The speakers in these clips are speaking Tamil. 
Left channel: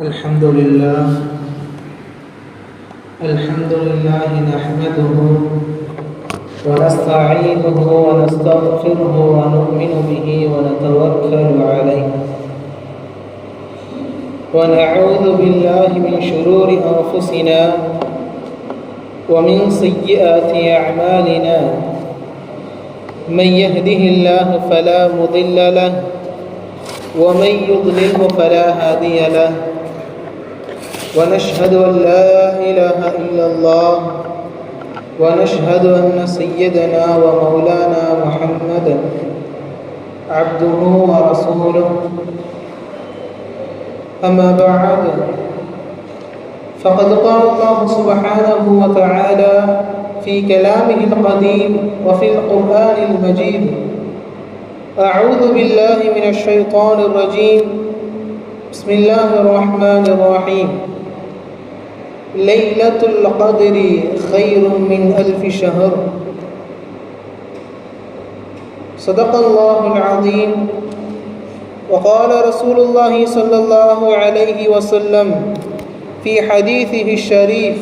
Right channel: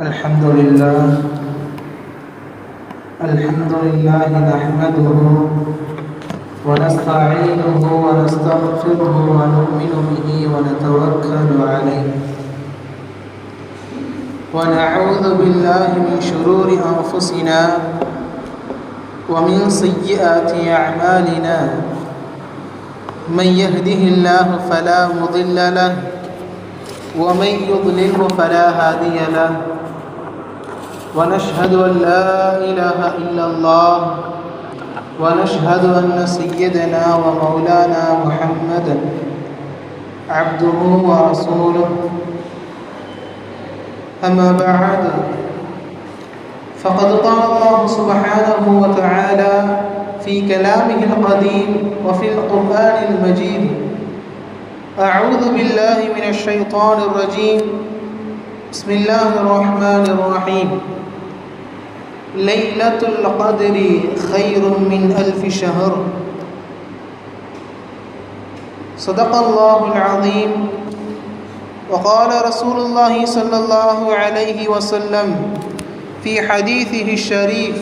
الحمد لله نحمده ونستعينه ونستغفره ونؤمن به ونتوكل عليه ونعوذ بالله من شرور أنفسنا ومن سيئات أعمالنا من يهده الله فلا مضل له ومن يضلله فلا هادي له ونشهد أن لا إله إلا الله ونشهد أن سيدنا ومولانا محمدا عبده ورسوله أما بعد فقد قال الله سبحانه وتعالى في كلامه القديم وفي القرآن المجيد أعوذ بالله من الشيطان الرجيم بسم الله الرحمن الرحيم ليلة القدر خير من ألف شهر صدق الله العظيم وقال رسول الله صلى الله عليه وسلم في حديثه الشريف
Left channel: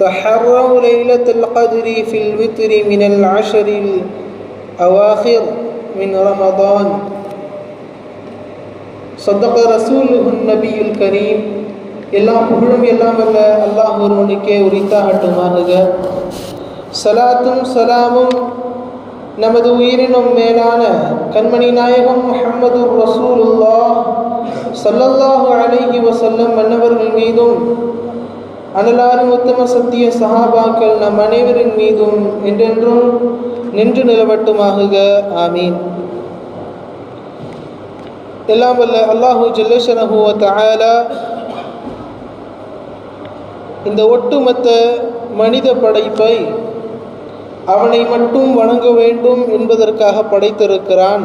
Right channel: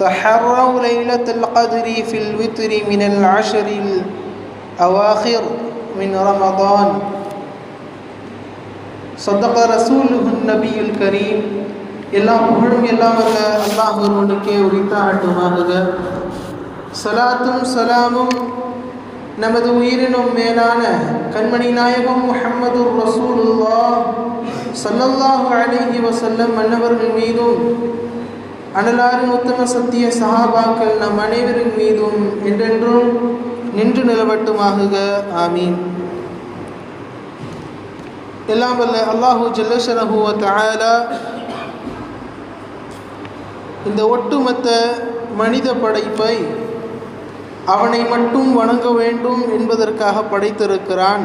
تحروا ليلة القدر في الوتر من العشر الأواخر من رمضان صدق رسوله النبي الكريم எல்லா புகழும் எல்லாம் அல்லாஹ் ஒருவனுக்கே உரித்தாகட்டுமாக. சலாத்தும் சலாமும் நமது உயிரினும் மேலான கண்மணி நாயகம் முஹம்மது ரசூலுல்லாஹ் ஸல்லல்லாஹு அலைஹி வஸல்லம் அன்னவர்கள் மீதும் அனலாரும் உத்தம சத்திய சஹாபாக்கள் நம் அனைவரின் மீதும் என்றென்றும் நின்று நிலவட்டுமாக. ஆமீன். எல்லாம் வல்ல அல்லாஹு ஜல்லஷனஹு வ தஆலா இந்த ஒட்டுமொத்த மனித படைப்பை அவனை மட்டும் வணங்க வேண்டும் என்பதற்காக படைத்திருக்கிறான்.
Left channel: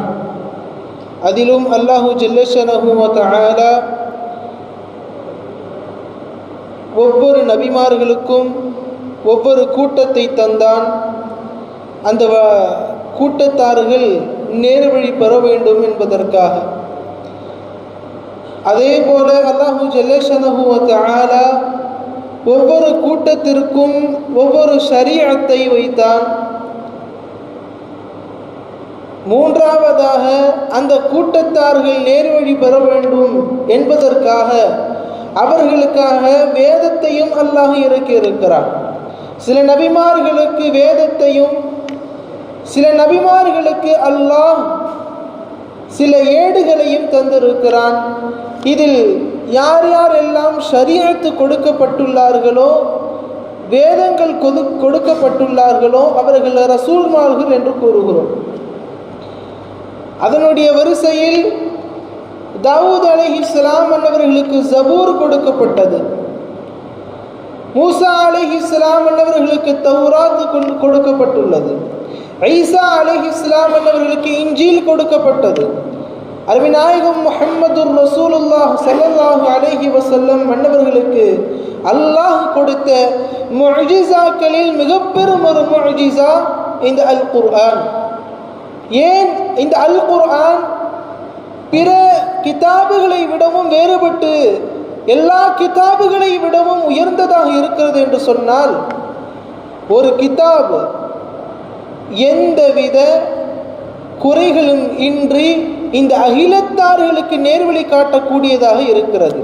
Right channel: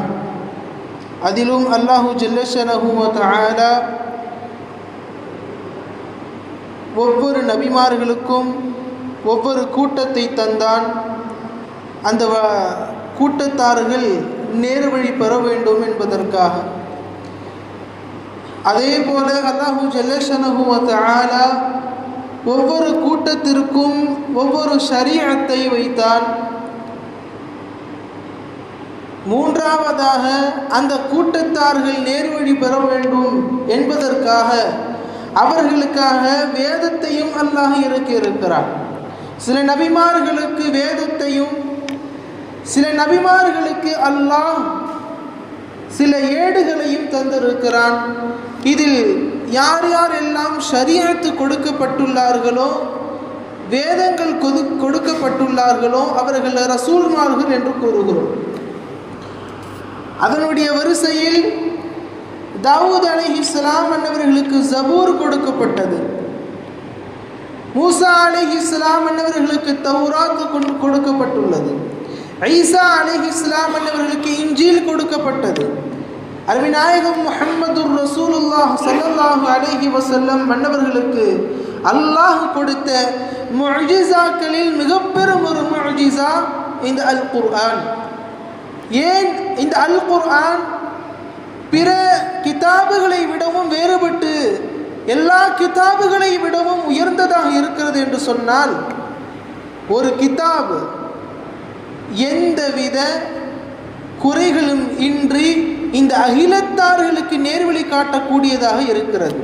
அதிலும் அல்லாஹு ஜல்லஷனஹு வ தஆலா ஒவ்வொரு நபிமார்களுக்கும் ஒவ்வொரு கூட்டத்தை தந்தான். அந்த கூட்டத்தார்கள் நேர்வழி பெற வேண்டும் என்பதற்காக. அதே போல அல்லாஹு ஜல்லஷனஹு வ தஆலா ஒவ்வொரு கூட்டத்திற்கும் ஒவ்வொரு ஷரீஅத்தை வைத்தான். மூன்றாவதாக அந்த கூட்டத்தார்கள் நேர்வழி பெற வேண்டும் என்பதற்காக அவர்களுக்காக வேதத்தையும் அல்லாஹ் இறக்கி இருக்கிறான். சில நபிமார்களுக்கு வேதத்தையும் சில நபிமார்களுக்கு அல்லாஹ் சில ஏடுகளையும் தந்திருக்கிறான். இதில் யார் யாரெல்லாம் ஷரீஅத்து கொடுக்கப்பட்டுள்ளார்களோ, வேதங்கள் கொடுக்கப்பட்டுள்ளார்களோ அவர்கள் ரசூல்மார்கள் என்று கூறுகிறோம். அதனுடைய வரிசையில் தாவூத் அலைஹிஸ்ஸலாம் அன்னவர்களுக்கு ஜபூர் கொடுக்கப்பட்டது. மூசா அலைஹிஸ்ஸலாம் அன்னவர்களுக்கு தௌராத் கொடுக்கப்பட்டுள்ளது. ஈசா அலைஹிஸ்ஸலாம் அன்னவர்களுக்கு இன்ஜீல் கொடுக்கப்பட்டது. அருமைநாயகம் முஹம்மது ரசூலுல்லாஹ் ஸல்லல்லாஹு அலைஹி வஸல்லம் அன்னவர்களுக்கு அல்லாஹ் கொடுத்த முஅஜிஸாக்களில் மிகப்பெரும் ஒரு முஅஜிஸா இந்த அல் குர்ஆன். ஏன் இந்த அல் குர்ஆன் பிற கிதாபுகளை விடவும் வேறுபட்டு எல்லா கிதாபுகளை விடவும் உயர்ந்ததாக இருக்கிறது என்று சொன்னால், ஒரு கிதாப் எந்தவித குறைகளும் இன்றி இந்த அகிலத்தார்களுக்கு நேர்வழி காட்டக்கூடியதாக இருக்கிறது.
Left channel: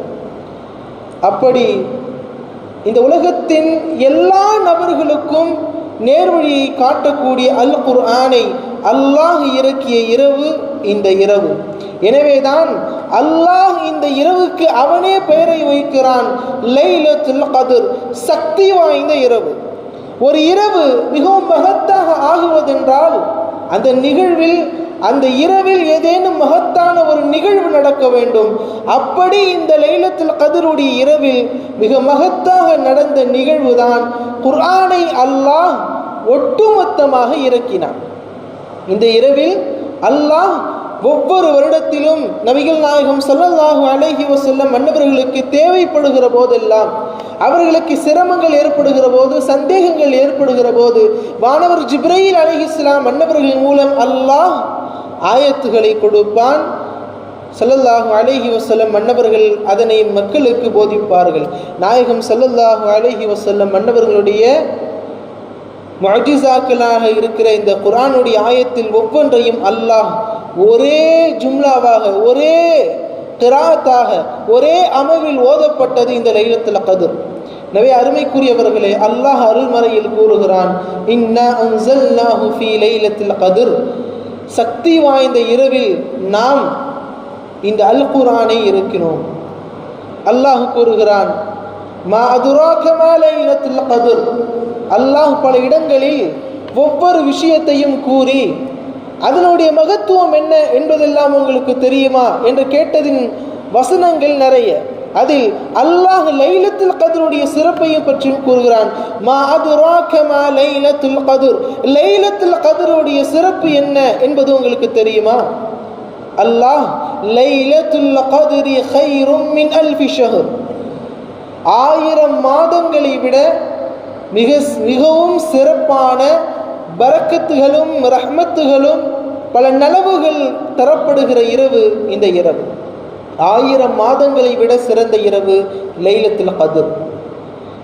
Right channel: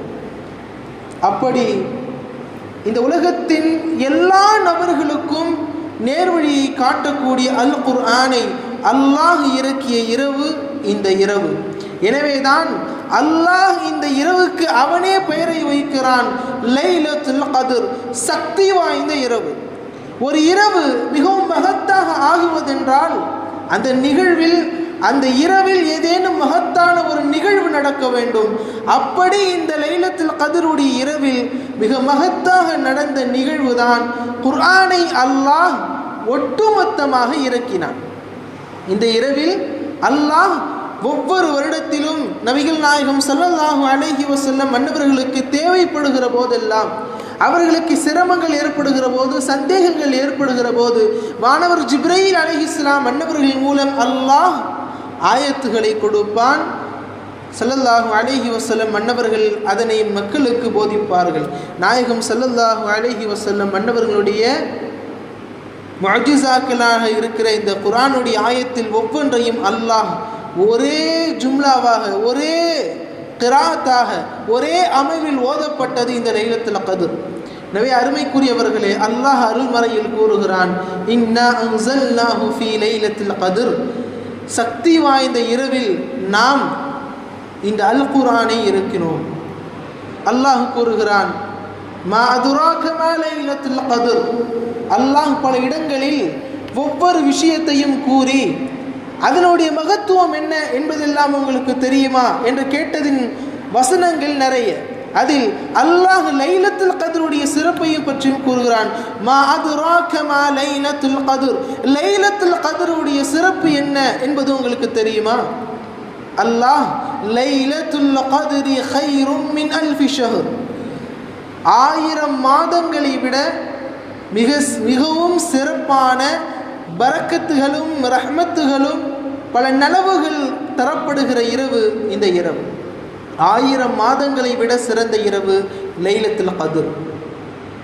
அப்படி இந்த உலகத்தின் எல்லா நபர்களுக்கும் நேர்வழியை காட்டக்கூடிய அல் குர்ஆனை அல்லாஹ் இறக்கிய இரவு இந்த இரவு. எனவேதான் அல்லாஹ் இந்த இரவுக்கு அவனே பெயரை வைக்கிறான், லைலத்துல் கத்ர், சக்தி வாய்ந்த இரவு. ஒரு இரவு மிகவும் மகத்தாக ஆகுவதென்றால் அந்த நிகழ்வில் அந்த இரவில் ஏதேனும் மகத்தான ஒரு நிகழ்வு நடக்க வேண்டும். அப்படி இந்த லைலத்துல் கத்ருடைய இரவில் மிக மகத்தாக நடந்த நிகழ்வுதான் குர்ஆனை அல்லாஹ் ஒட்டுமொத்தமாக இறக்கினான். இந்த இரவில் அல்லாஹ் ஒவ்வொரு வருடத்திலும் நபிகள் நாயகம் ஸல்லல்லாஹு அலைஹி வஸல்லம் அன்னவர்களுக்கு தேவைப்படுகிற போதெல்லாம், அவர்களுக்கு சிரமங்கள் ஏற்படுகிற போது, சந்தேகங்கள் ஏற்படுகிற போது வானவர் ஜிப்ரீல் அலைஹிஸ்ஸலாம் அன்னவர்களின் மூலம் அல்லாஹ் ஆயத்துகளை கொடுப்பான். ஸல்லல்லாஹு அலைஹி வஸல்லம் மன்னவர்கள் அதனை மக்களுக்கு போதிப்பார்கள். நாயகம் ஸல்லல்லாஹு அலைஹி வஸல்லம் மன்னவர்களுடைய முஅஜிசாக்களாக இருக்கிற இந்த குர்ஆனுடைய ஆயத்தில் ஒவ்வொன்றையும் அல்லாஹ் ஒரே ஜும்லாவாக, ஒரே கிராத்தாக, ஒரே அமைவில் ஓதப்பட்டது இந்த லைலத்துல் கத்ர். எனவே அருமைக்குரியவர்களே, அல்லாஹ் அருள்மறையில் கூறுகிறான், இன்னா அன்ஸல்நாஹு ஃபீ லைலத்துல் கத்ர், சக்தி வாய்ந்த இரவில் நாம் இந்த அல் குர்ஆனை இறக்கினோம். அல்லாஹ் கூறுகிறான், மா அதுராக மா லைலத்துல் கத்ர். அல்லாஹ் பல இடங்களில் ஒவ்வொரு விஷயத்தையும் கூறி அதனுடைய மகத்துவம் என்ன என்பதெல்லாம் உங்களுக்கு தெரியுமா என்று கேட்டதின் வசனங்கள் நிறைய. அதில் அல்லாஹ் லைலத்துல் கத்ருடைய சிறப்பையும் பற்றி கூறுகிறான். மா அதுராக மா லைலத்துல் கத்ர், லைலத்துல் கத்ருடைய சிறப்பு என்ன என்பது உங்களுக்கு தெரியுமா? அல்லாஹ் லைலத்துல் கத்ரி கைரும் மின் அல்ஃபி ஷஹர், 1000 மாதங்களை விட மிகவும் சிறப்பான பரக்கத்துகளும் ரஹ்மத்துகளும் பல நலவுகள் தரப்படுகிற இரவு இந்த இரவு. 1000 மாதங்களை விட சிறந்த இரவு லைலத்துல் கத்ர்.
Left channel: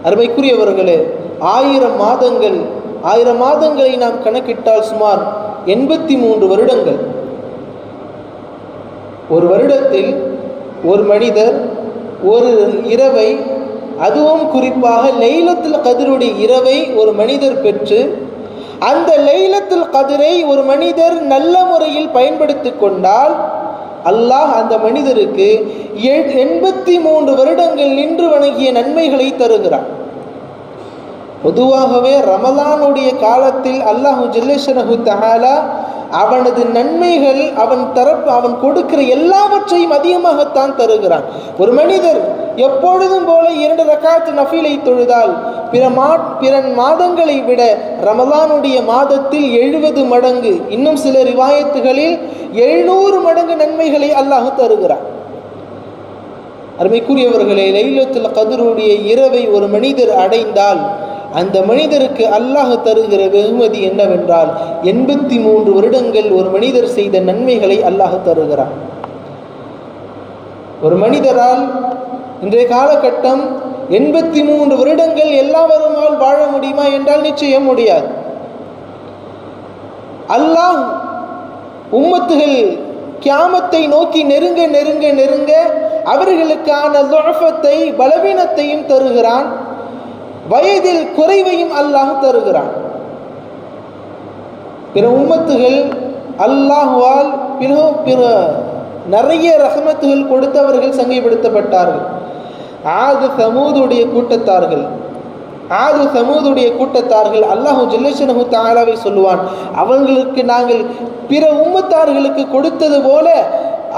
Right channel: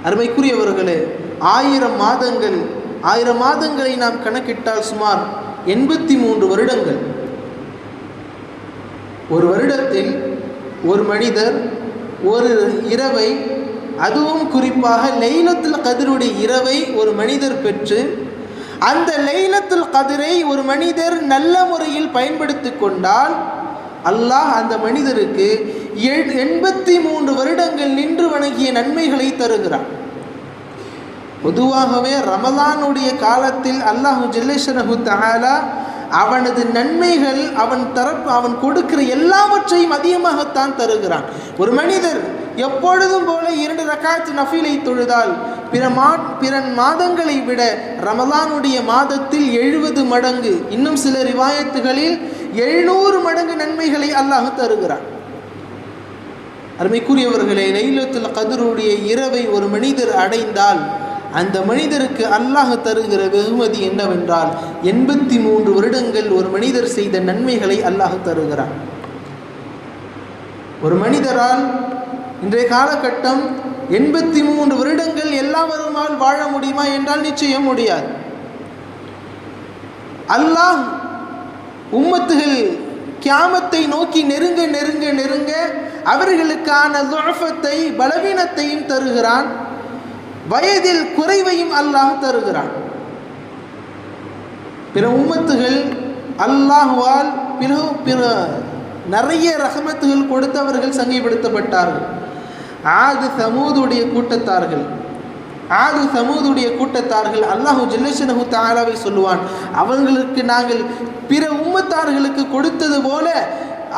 அருமைக்குரியவர்களே, 1000 மாதங்களை நாம் கணக்கிட்டால் சுமார் 83 வருடங்கள். ஒரு வருடத்தில் ஒரு மனிதர் ஒரு இரவை, அதுவும் குறிப்பாக லைலத்துல் கத்ருடைய இரவை ஒரு மனிதர் பெற்று அந்த லைலத்துல் கத்ரை ஒரு மனிதர் நல்ல முறையில் பயன்படுத்தி கொண்டால் அல்லாஹ் அந்த மனிதருக்கு 83 வருடங்கள் நின்று வணங்கிய நன்மைகளை தருகிறார். பொதுவாகவே ரமலானுடைய காலத்தில் அல்லாஹு ஜல்லஷனஹு தஆலா அவனது நன்மைகள் அவன் கொடுக்கிற எல்லாவற்றையும் அதிகமாகத்தான் தருகிறான். ஒரு மனிதர் எப்பொழுதும் போல 2 ரக்காத் நஃபிலை தொழுதால் பிற மாதங்களை விட ரமலானுடைய மாதத்தில் 70 மடங்கு, இன்னும் சில ரிவாயத்துகளில் 700 மடங்கு நன்மைகளை அல்லாஹ் தருகிறான். அருமைக்குரியவர்களே, லைலத்துல் கத்ருடைய இரவை ஒரு மனிதர் அடைந்தால் அந்த மனிதருக்கு அல்லாஹ் தருகிற வெகுமதி என்னவென்றால் 83 வருடங்கள் ஒரு மனிதர் செய்த நன்மைகளை அல்லாஹ் தருகிறான். ஒரு மனிதரால் இன்றைய காலகட்டம் 83 வருடங்கள் எல்லாவருமால் வாழ முடியுமா என்றால் நிச்சயம் முடியாது. அல்லாஹ் உம்மத்துகள் கியாமத்தை நோக்கி நெருங்க நெருங்க நெருங்க அவர்களுக்கான துஅஃபத்தை, பலவீனத்தையும் தருகிறான். வயதில் குறைவையும் அல்லாஹ் தருகிறான். பிற உம்மத்துகள் அல்லாஹ்வால் பிற நிறைய ரஹமத்துகள் கொடுத்தவர்கள் சங்கைப்படுத்தப்பட்டார்கள். ஆது சமூதுடைய கூட்டத்தார்கள் அல்லாஹு ஜல்லஷனஹு தஆலாவை சொல்லுவான், அவங்களுக்கு நாங்கள் பிற உம்மத்தார்களுக்கு கொடுத்தது போல,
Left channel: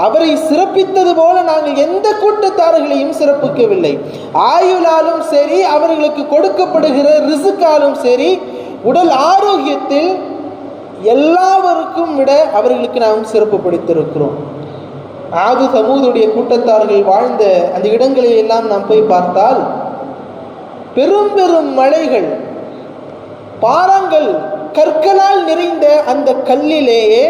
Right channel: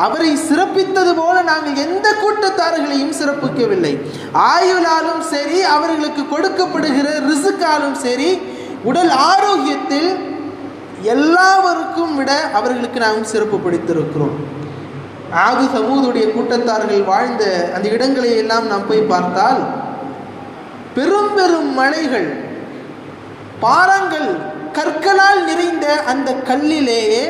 அவரை சிறப்பித்தது போல நாங்கள் எந்த கூட்டத்தார்களையும் சிறப்பிக்கவில்லை. ஆயுளாலும் சரி, அவர்களுக்கு கொடுக்கப்படுகிற ரிசுக்காலும் சரி, உடல் ஆரோக்கியத்தில் எல்லாவருக்கும் விட அவர்களுக்கு நாம் சிறப்பு படுத்திருக்கிறோம். ஆது சமூதுடைய கூட்டத்தார்கள் வாழ்ந்த அந்த இடங்களை எல்லாம் நாம் போய் பார்த்தால் பெரும் பெரும் மலைகள், பாறாங்கள், கற்களால் நிறைந்த அந்த கல்லிலேயே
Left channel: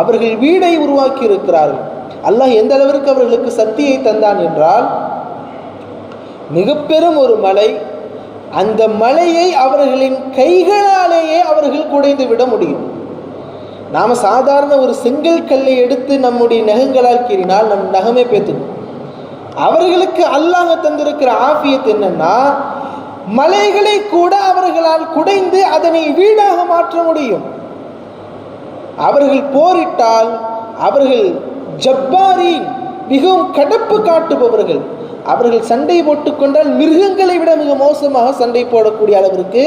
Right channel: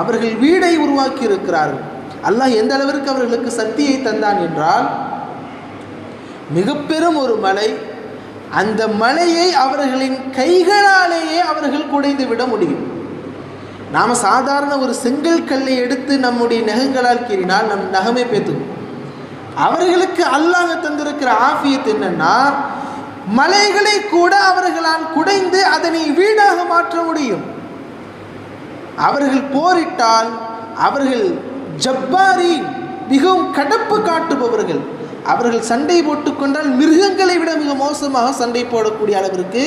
அவர்கள் வீடை உருவாக்கி இருக்கிறார்கள். அல்லாஹ் எந்த அளவிற்கு அவர்களுக்கு சக்தியை தந்தான் என்றால், மிக பெரும் ஒரு மலை, அந்த மலையை அவர்களின் கைகளாலேயே அவர்கள் குடைந்து விட முடியும். நாம் சாதாரண ஒரு செங்கல் கல்லை எடுத்து நம்முடைய நகங்களால் கீறினால் நம் நகமே பேத்தும். அவர்களுக்கு அல்லாஹ் தந்திருக்கிற ஆஃபியத் என்னன்னா, மலைகளை கூட அவர்களால் குடைந்து அதனை வீடாக மாற்ற முடியும். அவர்கள் போரிட்டால் அவர்கள் ஜப்பாரி, மிகவும் கடப்பு காட்டுபவர்கள். அவர்கள் சண்டை போட்டுக்கொண்டால் மிருகங்களை விட மிக மோசமாக சண்டை போடக்கூடிய அளவிற்கு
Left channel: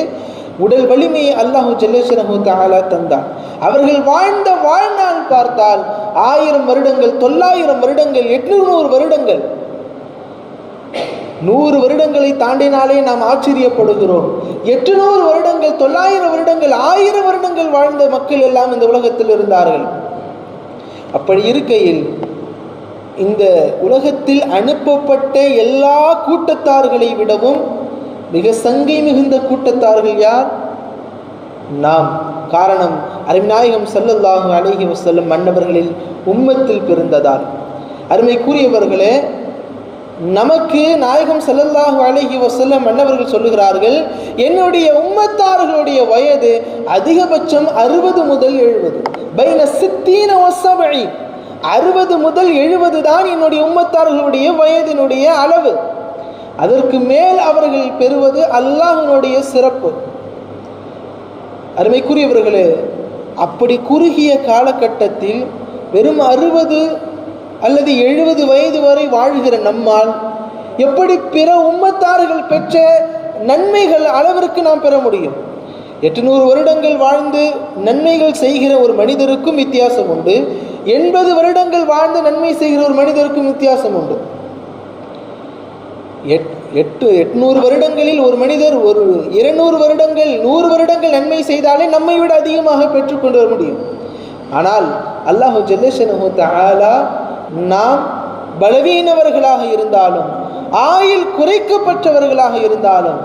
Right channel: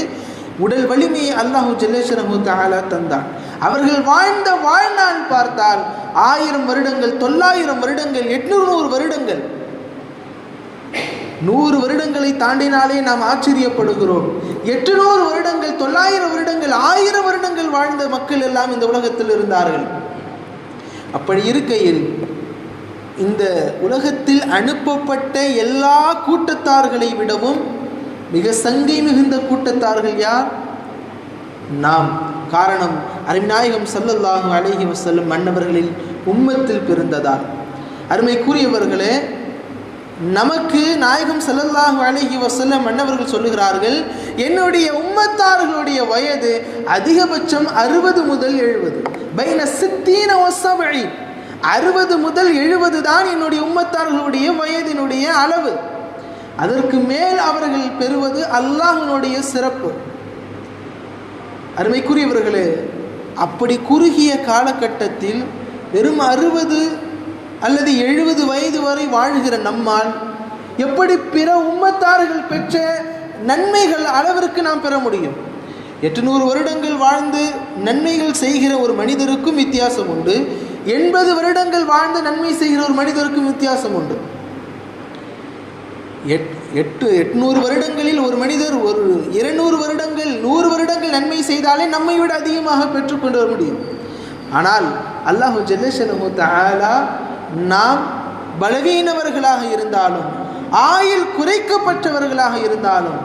உடல் வலிமையை அல்லாஹு ஜல்லஷனஹு தஆலா தந்தான். அவர்கள் வாழ்ந்த வாழ்நாள் பார்த்தால் 1000 வருடங்கள், 900 வருடங்கள், 800 வருடங்கள், 100 வருடங்களை தாண்டினாலே நாம் ஆச்சரியப்படுகிறோம். 800 வருடங்கள், 900 வருடங்கள், 1000 வருடங்கள் வாழ்ந்த மக்கள் எல்லாம் இந்த உலகத்தில் இருந்தார்கள். அப்படி இருக்கையில் இந்த உலகத்தில் அனுப்பப்பட்ட எல்லா கூட்டத்தார்களை விடவும் மிக சங்கை மிகுந்த கூட்டத்தார்கள் யார்? நாம். காரணம், அருமைநாயகம் ஸல்லல்லாஹு அலைஹி வஸல்லம் மன்னவர்களில் உம்மத்தில் பிறந்ததால். அருமைக்குரியவர்களே, நமக்கு நாயகம் ஸல்லல்லாஹு அலைஹி வஸல்லம் அன்னவர்கள் சொல்லுகிறார்கள், என்னுடைய உம்மத்தார்களுடைய வயது அதிகபட்சம் 60 முதல் 70, பைன 60 வ 70, 60 முதல் 70 தான் என்னுடைய உம்மத்தார்களுடைய வயதினுடைய அளவு. அதற்கு மேல் அவர்கள் பெறுவது அல்லாஹ்வினுடைய சிறப்பு. அருமைக்குரியவர்களே, அப்படி குறுகிய காலகட்டத்தில் வெறும் 60 அல்லது 70 வயது வரை வாழ்கிற நம்மால் எப்படி பிற உம்மத்தார்கள் பெற்ற நன்மைகள் அளவிற்கு நாம் பெற முடியும்? 800 வருடங்கள் வாழ்ந்து நன்மைகள் செய்கிற ஒரு மனிதருக்கும் வித்தியாசம் உண்டு, 80 வருடங்கள் வாழ்ந்து நன்மை செய்கிற ஒரு மனிதருக்கும் வித்தியாசம் உண்டு. 800 வருடங்களில் ஒரு மனிதர் ஒரு 200 வருடங்கள் 100 வருடங்கள் நன்மை செய்தாலே நம்மை விட அதிகமாக பெற்றுக்கொண்டு வர முடியும். ஆனால் அல்லாஹ் ஜல்லஷனஹு தஆலா நாம் பலவீனவர்களாக இருந்தாலும், ஆயுள் குறைக்கப்பட்டவர்களாக இருந்தாலும்,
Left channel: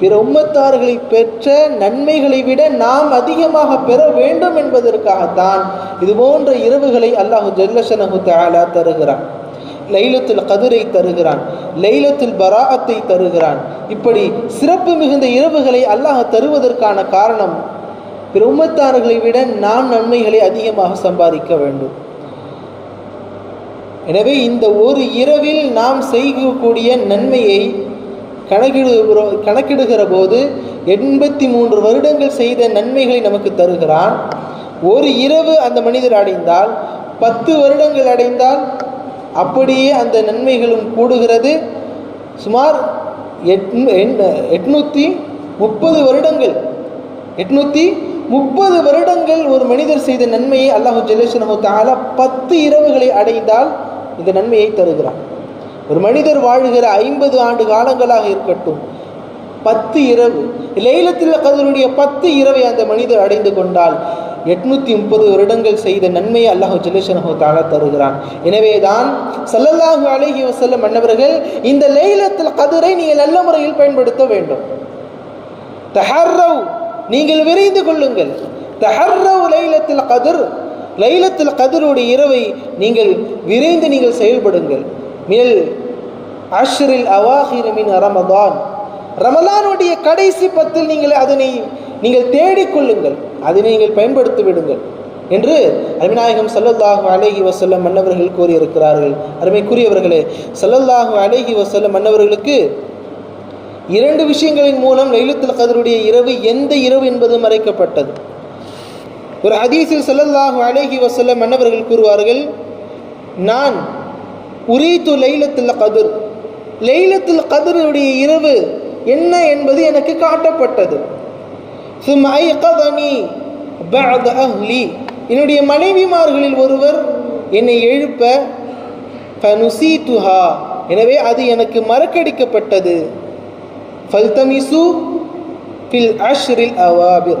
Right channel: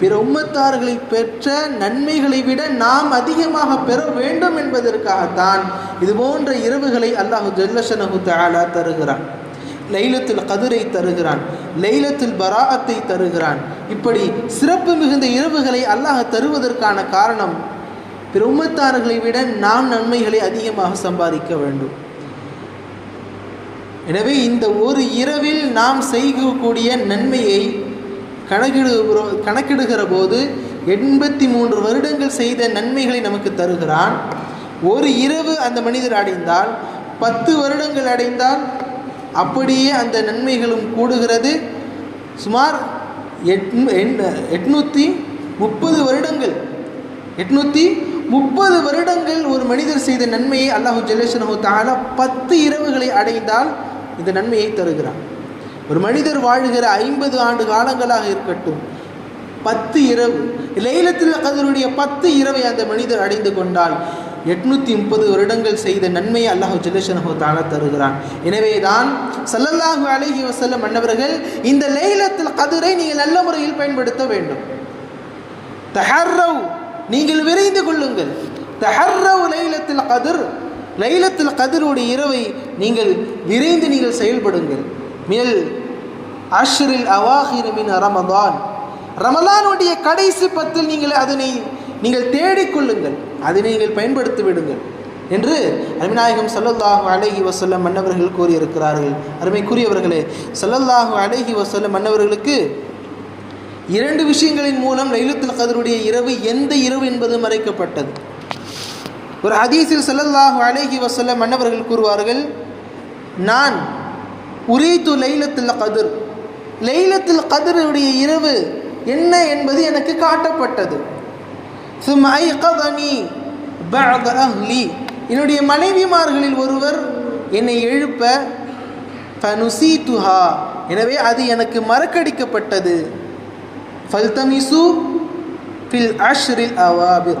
பிற உம்மத்தார்களை பெற்ற நன்மைகளை விட நாம் அதிகமாக பெற வேண்டும் என்பதற்காகத்தான் இது போன்ற இரவுகளை அல்லாஹ் ஜல்லஷனஹு தஆலா தருகிறான். லைலத்துல் கத்ரை தருகிறான், லைலத்துல் பராஅத்தை தருகிறான். இப்படி சிறப்பு மிகுந்த இரவுகளை அல்லாஹ் தருவதற்கான காரணம், பிற உம்மத்தார்களை விட நாம் நன்மைகளை அதிகமாக சம்பாதிக்க வேண்டும். எனவே இந்த ஒரு இரவில் நாம் செய்யக்கூடிய நன்மையை கணக்கிடுகிற போது 83 வருடங்கள் செய்த நன்மைகளை நமக்கு தருகிறான். ஒரு இரவு அந்த மனிதர் அடைந்தால் 10 வருடங்கள் அடைந்தால் அப்படியே அந்த நன்மைகளும் கூடுகிறது. சுமார் 830 வருடங்கள் 830 வருடங்கள் ஒரு மனிதர் செய்த நன்மையை அல்லாஹ் ஜல்லஷனஹு தஆலா 10 இரவுகளை அடைந்தால் இந்த நன்மையை தருகிறான். ஒரு மனிதர் வாழ்கிற 50 ஆண்டு காலங்களாக இருக்கட்டும், 10 இரவு லைலத்துல் கத்ருடைய 10 இரவை அந்த மனிதர் அடைந்து கொண்டால் 830 வருடங்கள் செய்த நன்மையை அல்லாஹ் ஜல்லஷனஹு தஆலா தருகிறான். எனவே தான் ஸல்லல்லாஹு அலைஹி வஸல்லம் அன்னவர்கள் இந்த லைலத்துல் கத்ரை நீங்கள் நல்ல முறையில் பயன்படுத்த வேண்டும். தஹர்ரவ், நீங்கள் விரைந்து கொள்ளுங்கள். தஹர்ரவ் லைலத்துல் கத்ர், லைலத்துல் கத்ருடைய இரவை நீங்கள் விரைந்து நீங்கள் செயல்படுங்கள். மினல் அஷ்ரில் அவாஹிர் மின் ரமதான், ரமலானுடைய கடைசி 10 நீங்கள் தேடிக்கொள்ளுங்கள், அதை நீங்கள் பயன்படுத்தி விடுங்கள் என்று அருமைநாயகம் ஸல்லல்லாஹு அலைஹி வஸல்லம் அன்னவர்கள் கூறியிருக்கிறார்கள். அருமைக்குரியவர்களே, ஸல்லல்லாஹு அலைஹி வஸல்லம் அன்னவர்களுக்கு 2 விஷயங்களின் மூலம் லைலத்துல் கத்ருடைய இரவு எந்த இரவு என்பது மறைக்கப்பட்டது. ஒரு ஹதீஸில் ஸல்லல்லாஹு அலைஹி வஸல்லம் அன்னவர்கள் கூறுவார்கள், நான் உரீது லைலத்துல் கத்ர், லைலத்துல் கத்ருடைய இரவு என்ன என்பது எனக்கு காட்டப்பட்டது. ثم أيقظني بعض أهلي, என்னுடைய மனைவிமார்களில் ஒருவர் என்னை எழுப்ப, فنسيتها, எனவே அது எனக்கு மறக்கடிக்கப்பட்டது. فالتمسوا في العشر الأواخر,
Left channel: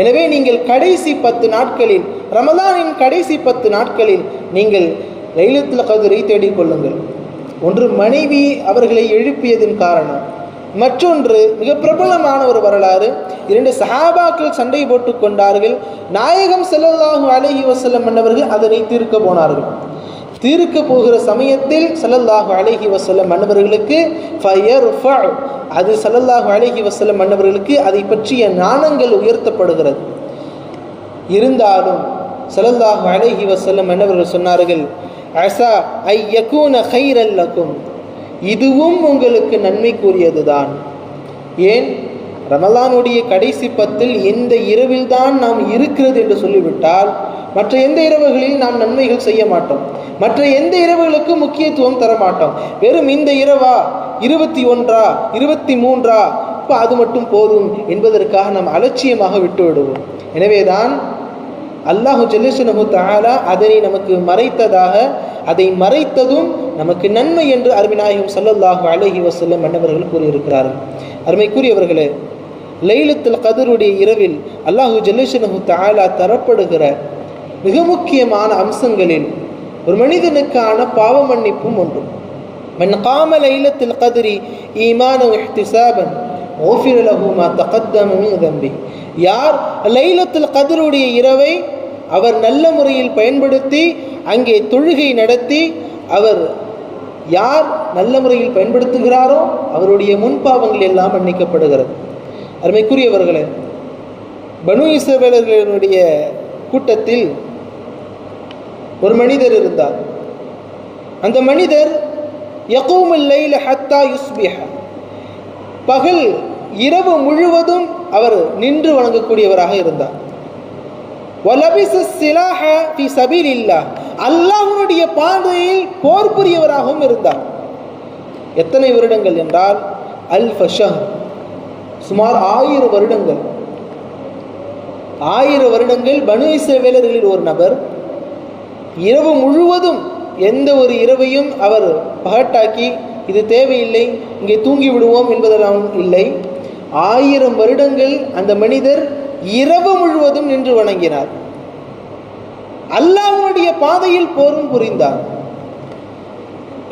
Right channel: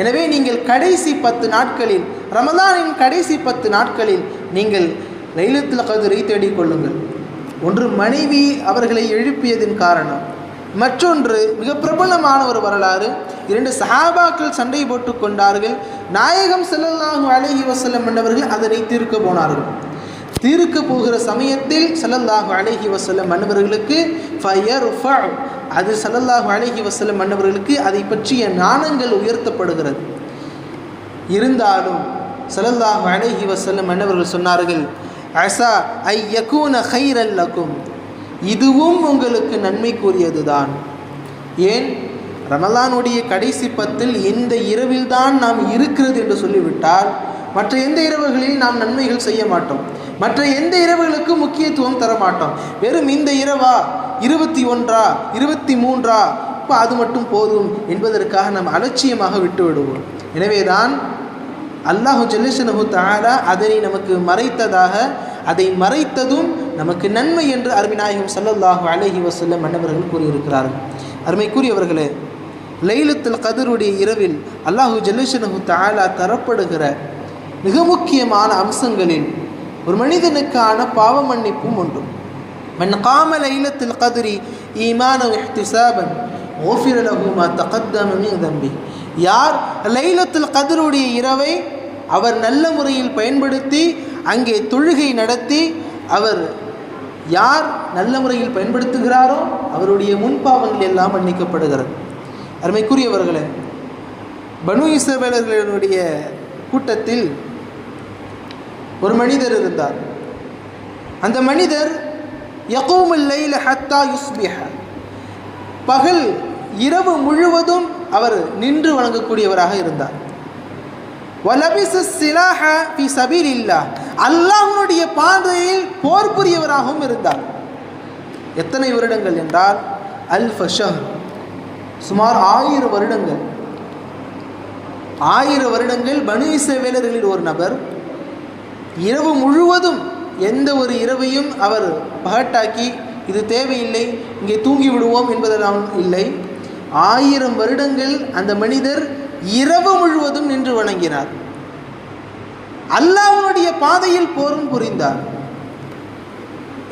எனவே நீங்கள் கடைசி 10 நாட்களில், ரமலானின் கடைசி 10 நாட்களில் நீங்கள் லைலத்துல் கத்ரை தேடிக்கொள்ளுங்கள். ஒன்று மனைவி அவர்களை எழுப்பியதின் காரணம், மற்றொன்று மிக பிரபலமான ஒரு வரலாறு. 2 சஹாபாக்கள் சண்டை போட்டுக் கொண்டார்கள். நாயகம் ஸல்லல்லாஹு அலைஹி வஸல்லம் அன்னவர்கள் அதனை தீர்க்க போனார்கள். தீர்க்க போகிற சமயத்தில் ஸல்லல்லாஹு அலைஹி வஸல்லம் அன்னவர்களுக்கு ஃபயர்ஃபா, அது ஸல்லல்லாஹு அலைஹி வஸல்லம் அன்னவர்களுக்கு அதை பற்றிய நாணங்கள் உயர்த்தப்படுகிறது. இருந்தாலும் ஸல்லல்லாஹு அலைஹி வஸல்லம் அன்னவர்கள் சொன்னார்கள், அஸா ஐ யகூன கைரல் லகும், இதுவும் உங்களுக்கு நன்மைக்குரியதுதான். ஏன்? ரமலானுடைய கடைசி 10 இந்த இரவில் தான் நாம் இருக்கிறது என்று சொல்லிவிட்டால் மற்ற எந்த இரவுகளில் நாம் நன்மைகள் செய்ய மாட்டோம், மற்ற எந்த இரவுகளுக்கும் முக்கியத்துவம் தர மாட்டோம். வெறும் இந்த இரவா, 21ஆ 23ஆ, இப்போ அது மட்டும் போதும் என்பதற்காக நாம் அலட்சியமாக விட்டு விடுவோம். எனவேதான் அல்லாஹு ஜல்லஷனஹு தஆலா அதனை நமக்கு மறைத்ததாக, அதை மறைத்ததும் நமக்கு நன்மை என்று அருமைநாயகம் ஸல்லல்லாஹு அலைஹி வஸல்லம் அன்னவர்கள் கூறியிருக்கிறார்கள். அருமைக்குரியவர்களே, லைலத்துல் கத்ருடைய இரவில் அல்லாஹு ஜல்லஷனஹு தஆலா தரப்படுகிற மிக முக்கியமான அம்சங்களில் ஒரு மனிதனுக்கான பாவ மன்னிப்பும் ஒன்று. மன் காம லைலத்துல் கத்ரி ஈமானன் வ இஹ்திசாபன் ஊஃபிர லஹு மா தகத்தம மின் தம்பி, யார் லைலத்துல் கத்ருடைய இரவை அவர் நல்ல முறையில் பயன்படுத்தி அங்கே தொழுகை நடத்தி அவர் யார் நல்ல முறையில் பயன்படுத்துகிறாரோ அவருடைய முன்பாவங்கள் எல்லாம் மன்னிக்கப்படுகிறது. அருமைக்குரியவர்களே, பனு இஸ்ரவேலர்களுடைய கூட்டத்தில் ஒரு மனிதர் இருந்தார். அந்த மனிதர் யகூமுல் லைல ஹத்தா யுஸ்பிஹ, பகல் இரவு முழுவதும் அவர் நின்று வணங்கக்கூடியவராக இருந்தார். வலபிஸ ஸிலாஹ ஃபீ ஸபீலில்லாஹ், அல்லாஹ்வுடைய பாதையில் போர் புரியவராகவும் இருந்தார். எத்தனை வருடங்கள் என்றால் அல்ஃப ஷஹர், சுமார் 1000 வருடங்கள். 1000 வருடங்கள் பனு இஸ்ரவேலர்களில் ஒரு நபர் இரவு முழுவதும் எந்த ஒரு இரவையும் அவர் பகட்டாக்கி இது தேவையில்லை இங்கே தூங்கி விடுவோம் என்பதெல்லாம் இல்லை. 1000 வருடங்கள் அந்த மனிதர் இரவு முழுவதும் நின்று வணங்கினார். அல்லாஹ்வுடைய பாதையில் போரும் புரிந்தார்.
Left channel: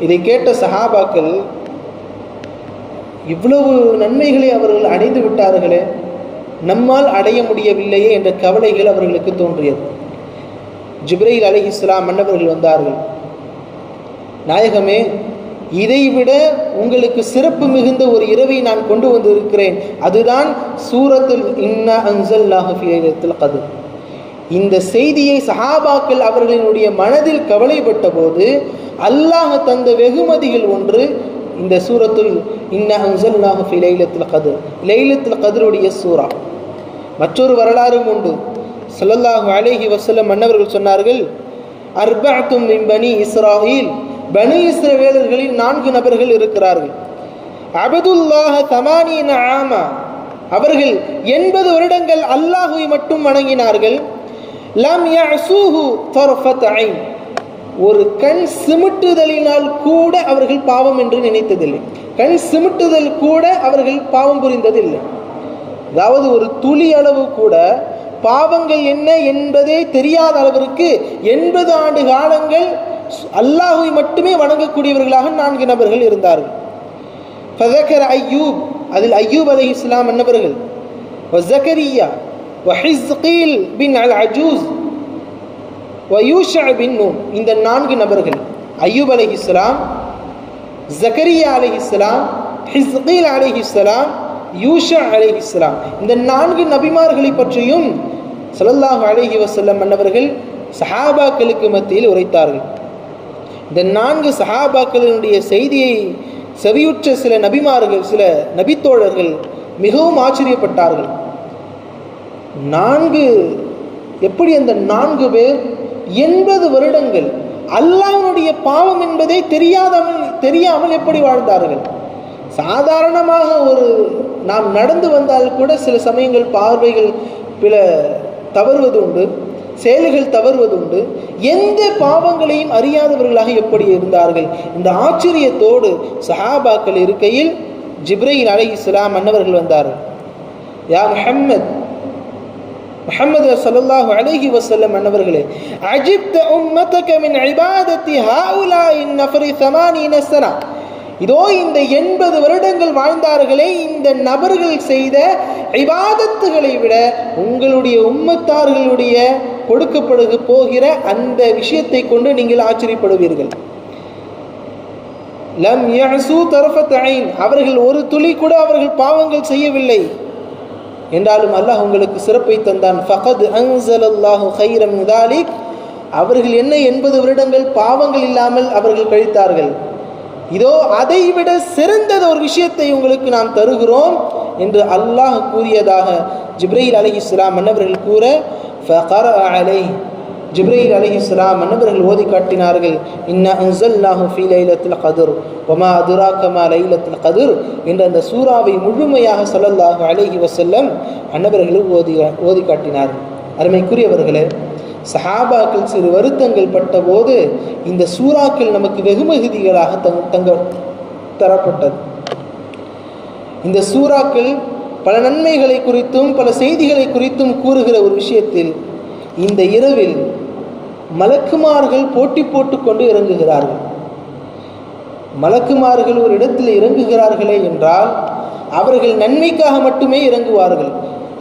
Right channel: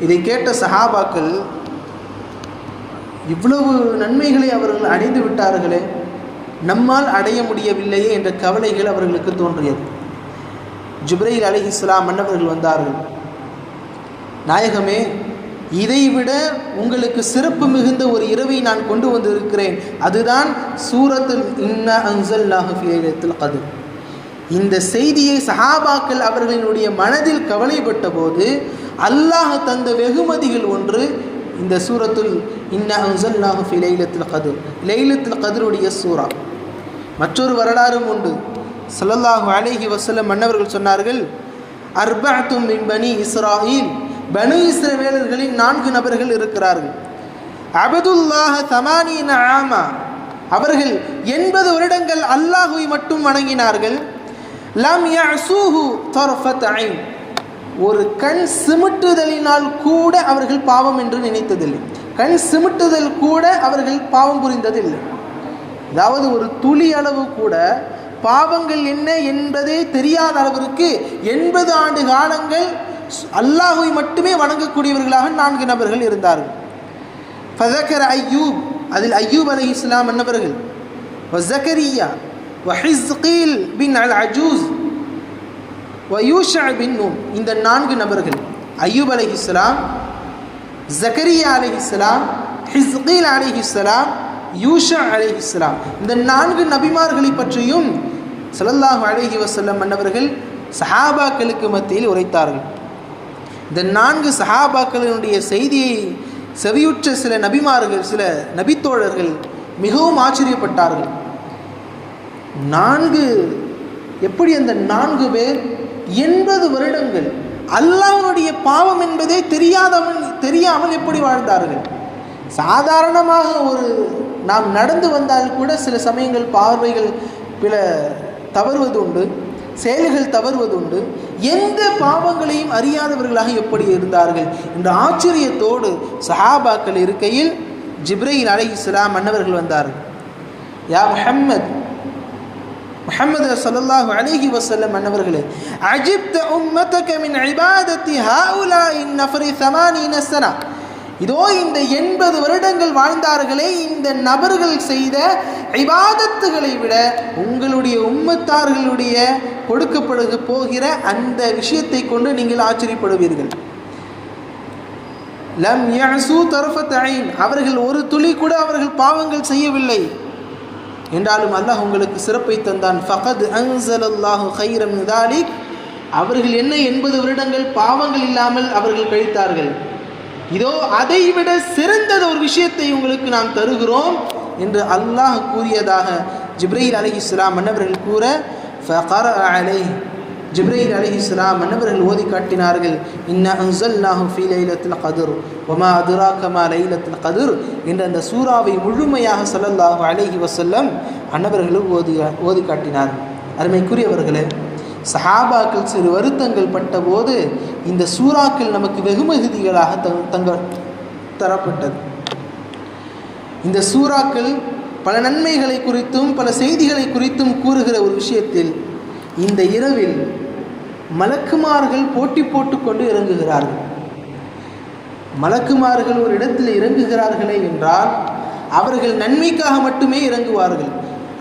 இதை கேட்ட சஹாபாக்கள், இவ்வளவு நன்மைகளை அவர்கள் அடைந்து விட்டார்களே, நம்மால் அடைய முடியவில்லையே என்ற கவலைகள் அவர்களுக்கு தோன்றியது. ஜிப்ரீல் அலைஹிஸ்ஸலாம் மன்னவர்கள் வந்தார்கள். நாயகமே, இதைவிட உங்களுக்கு சிறப்பு மிகுந்த ஒரு இரவை நான் கொண்டு வந்திருக்கிறேன், அதுதான் சூரத்துல் இன்னா அன்ஸல்நாஹு ஃபீ லைலத்துல் கத்ர். இந்த செய்தியை சஹாபாக்கள் அவர்களினுடைய மனதில் கவலைப்பட்ட போது அல்லாஹ் தந்த வெகுமதிகள் ஒன்று இந்த சூரத்துல் இன்னா அன்ஸல்நாஹு ஃபீ லைலத்துல் கத்ர், லைலத்துல் கத்ருடைய சூரா. மற்றொரு வரலாறும் உண்டு. ஸல்லல்லாஹு அலைஹி வஸல்லம் மன்னவர்கள் சொன்னார்கள், அர்பஅத்தும் மின் பனி இஸ்ராயில், பனு இஸ்ரவேலர்களில் 4 நபர்கள் இருக்கிறார்கள். அபதுல்லாஹ தமானீன ஆமா, அவர்கள் 80 வருடங்கள் அல்லாஹுவை மட்டும் வணங்கினார்கள். லம் யஸூஹு தர்ஃபத் ஐன், ஒரு கண் சிமிட்டுதலினால் கூட அவர்கள் பாவம் என்று நினைத்ததில்லை. கண் சிமிட்டுதல் கூட அவர்கள் பாவம் புரிந்ததில்லை. அதாவது ஒரு துளி அளவு கூட பாவங்கள் என்ன என்பதே தெரியாத அளவிற்கு 80 ஆண்டு காலங்கள் அல்லாஹுவை மட்டுமே வணங்கக்கூடியவர்களாக 4 நபர்கள் இருந்தார்கள். ஃபஸக்கர அய்யூப், அதில் அய்யூப் அலைஹிஸ்ஸலாம் அன்னவர்கள், வஸக்கரியா வஹிஸ்கீல் பின் அல் அஜூஸ் வயூஷா பின் நூன், இந்த 4 நபர்கள் அய்யூப் அலைஹிஸ்ஸலாம், ஜக்கரியா அலைஹிஸ்ஸலாம், ஹிஸ்கீல் அலைஹிஸ்ஸலாம், யூஷா அலைஹிஸ்ஸலாம், இந்த 4 நபிமார்களை பற்றியும் ஸல்லல்லாஹு அலைஹி வஸல்லம் அன்னவர்கள் சஹாபாக்களுக்கு மத்தியில் உரைத்தார்கள். இந்த 4 சஹாபாக்களினுடைய செய்தியை செவியுற்ற சில நபிமார்கள், சில நபித்தோழர்கள் மிகவும் ஆச்சரியப்பட்டார்கள். 4 எப்படி அந்த 4 பேர் 80 வருடங்கள் அல்லாஹ்வுடைய பாவம் என்பதை தெரியாமல் எப்படி வாழ்ந்தார்கள்? சாதாரணமாக ஒரு நாம் நடந்து வந்தால் கூட சில சமயங்கள் பார்வைகள் பிற தவறுவது உண்டு, செயல்கள் தவறுவதுண்டு. எந்த பாவங்களையும் அறியாதவர்களாக எப்படி இருந்தார்கள்? இந்த ஆச்சரியத்தோடு சஹாபாக்கள் இருக்கையில் ஜிப்ரீல் அலைஹிஸ்ஸலாம் அன்னவர்கள் வந்தார்கள். யா முஹம்மது ஸல்லல்லாஹு அலைஹி வஸல்லம் அன்னவர்களே, அஜிப்த உம்மதக மின் இபாதத்தி ஹாஉலாஇ நஃபரி 80 சனா, இதோ இந்த 80 வருடங்கள் வாழ்ந்தார்களே, இந்த நபர்கள் செய்த இபாதத்துகளை விட உங்களுடைய உம்மத்தார்களுடைய கொடுக்கப்படுக போகிற அந்த விஷயத்தை கொண்டு நீங்கள் ஆச்சரியப்படுவீர்கள். லம் யஸூ தர்ஃபத் ஐன், அவர்கள் ஒரு துளி கூட அவர்கள் பாவங்கள் செய்யவில்லை என்றாலும் அல்லாஹ் உங்களுக்கு சிறப்பை தந்தான். ஃபகத் அன்ஸலல்லாஹு கைரம் மின் தாலிக், அவர்கள் என்ன 80 வருடங்கள் பாவங்கள் இல்லாமல் அவர்கள் கழித்தார்கள், இதோ அதைவிட சிறந்தது ஒரு விஷயத்தை உங்களுக்கு நாம் தருகிறோம் என்று அல்லாஹ் கூறியதாக ஜிப்ரீல் அலைஹிஸ்ஸலாம் மன்னவர்கள் கூற, ஃபகரஅ அலைஹி, ஜிப்ரீல் அலைஹிஸ்ஸலாம் மன்னவர்கள் ஓதி காட்டினார்கள், இன்னா அன்ஸல்நாஹு ஃபீ லைலத்துல் கத்ர் வமா அதுராக மா லைலத்துல் கத்ர் என்ற அந்த சூராவை முழுமையாக ஸல்லல்லாஹு அலைஹி வஸல்லம் அன்னவர்களும் ஓதி காட்டினார்கள். அருமைக்குரியவர்களே, சஹாபாக்கள் சிறு வருத்தங்கள் பட்ட போது இந்த சூறாக்கள் நமக்கு வெகுமதிகளாக தரப்பட்டது. இந்த சூறாக்கள் பல நன்மைகளை குறித்தும் பல செய்திகளை குறித்தும் கூறுகிற ஒரு விஷயத்தில், இந்த இரவில் மலக்குமார்கள் போட்டி போட்டுக்கொண்டு இறங்குகிறார்கள். மலக்குமார்கள் ஒரு இடத்தில் இறங்குகிறார்களே என்றால் அவர்கள் நன்மைக்காக மட்டுமே இறங்குவார்கள்.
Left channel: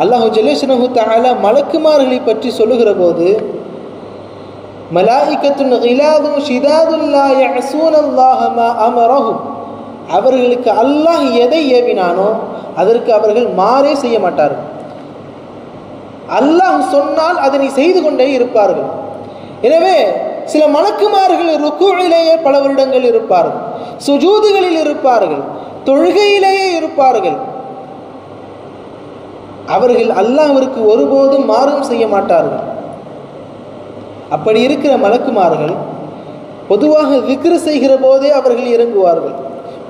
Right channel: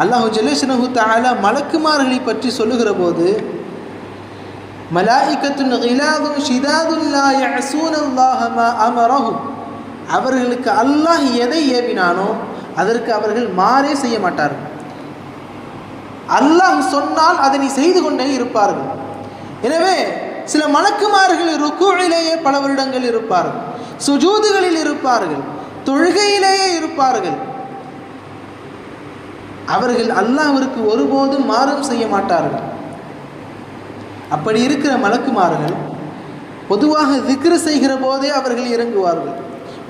அல்லாஹு ஜல்ல ஷனஹு தஆலா மலக்குமார்களை பற்றி சொல்லுகிற போது, மலாயிகத்துன் கிலாதுன் ஷிதாதுன் லா யஅஸூனல்லாஹ மா அமரஹும், அவர்களுக்கு அல்லாஹ் எதை ஏவினானோ அதற்கு அவர்கள் மாறே செய்ய மாட்டார்கள். அல்லாஹ் சொன்னால் அதனை செய்து கொண்டே இருப்பார்கள். எனவே சில மலக்குமார்கள் ருக்குவிலேயே பல வருடங்கள் இருப்பார்கள், சுஜூதுகளில் இருப்பார்கள், தொழுகையிலேயே இருப்பார்கள். அவர்கள் அல்லாஹ்விற்கு ஒருபோதும் மாறும் செய்ய மாட்டார்கள். அப்படி இருக்கிற மலக்குமார்கள் பொதுவாக திக்ரு செய்கிற போதே அவர்கள் இறங்குவார்கள்.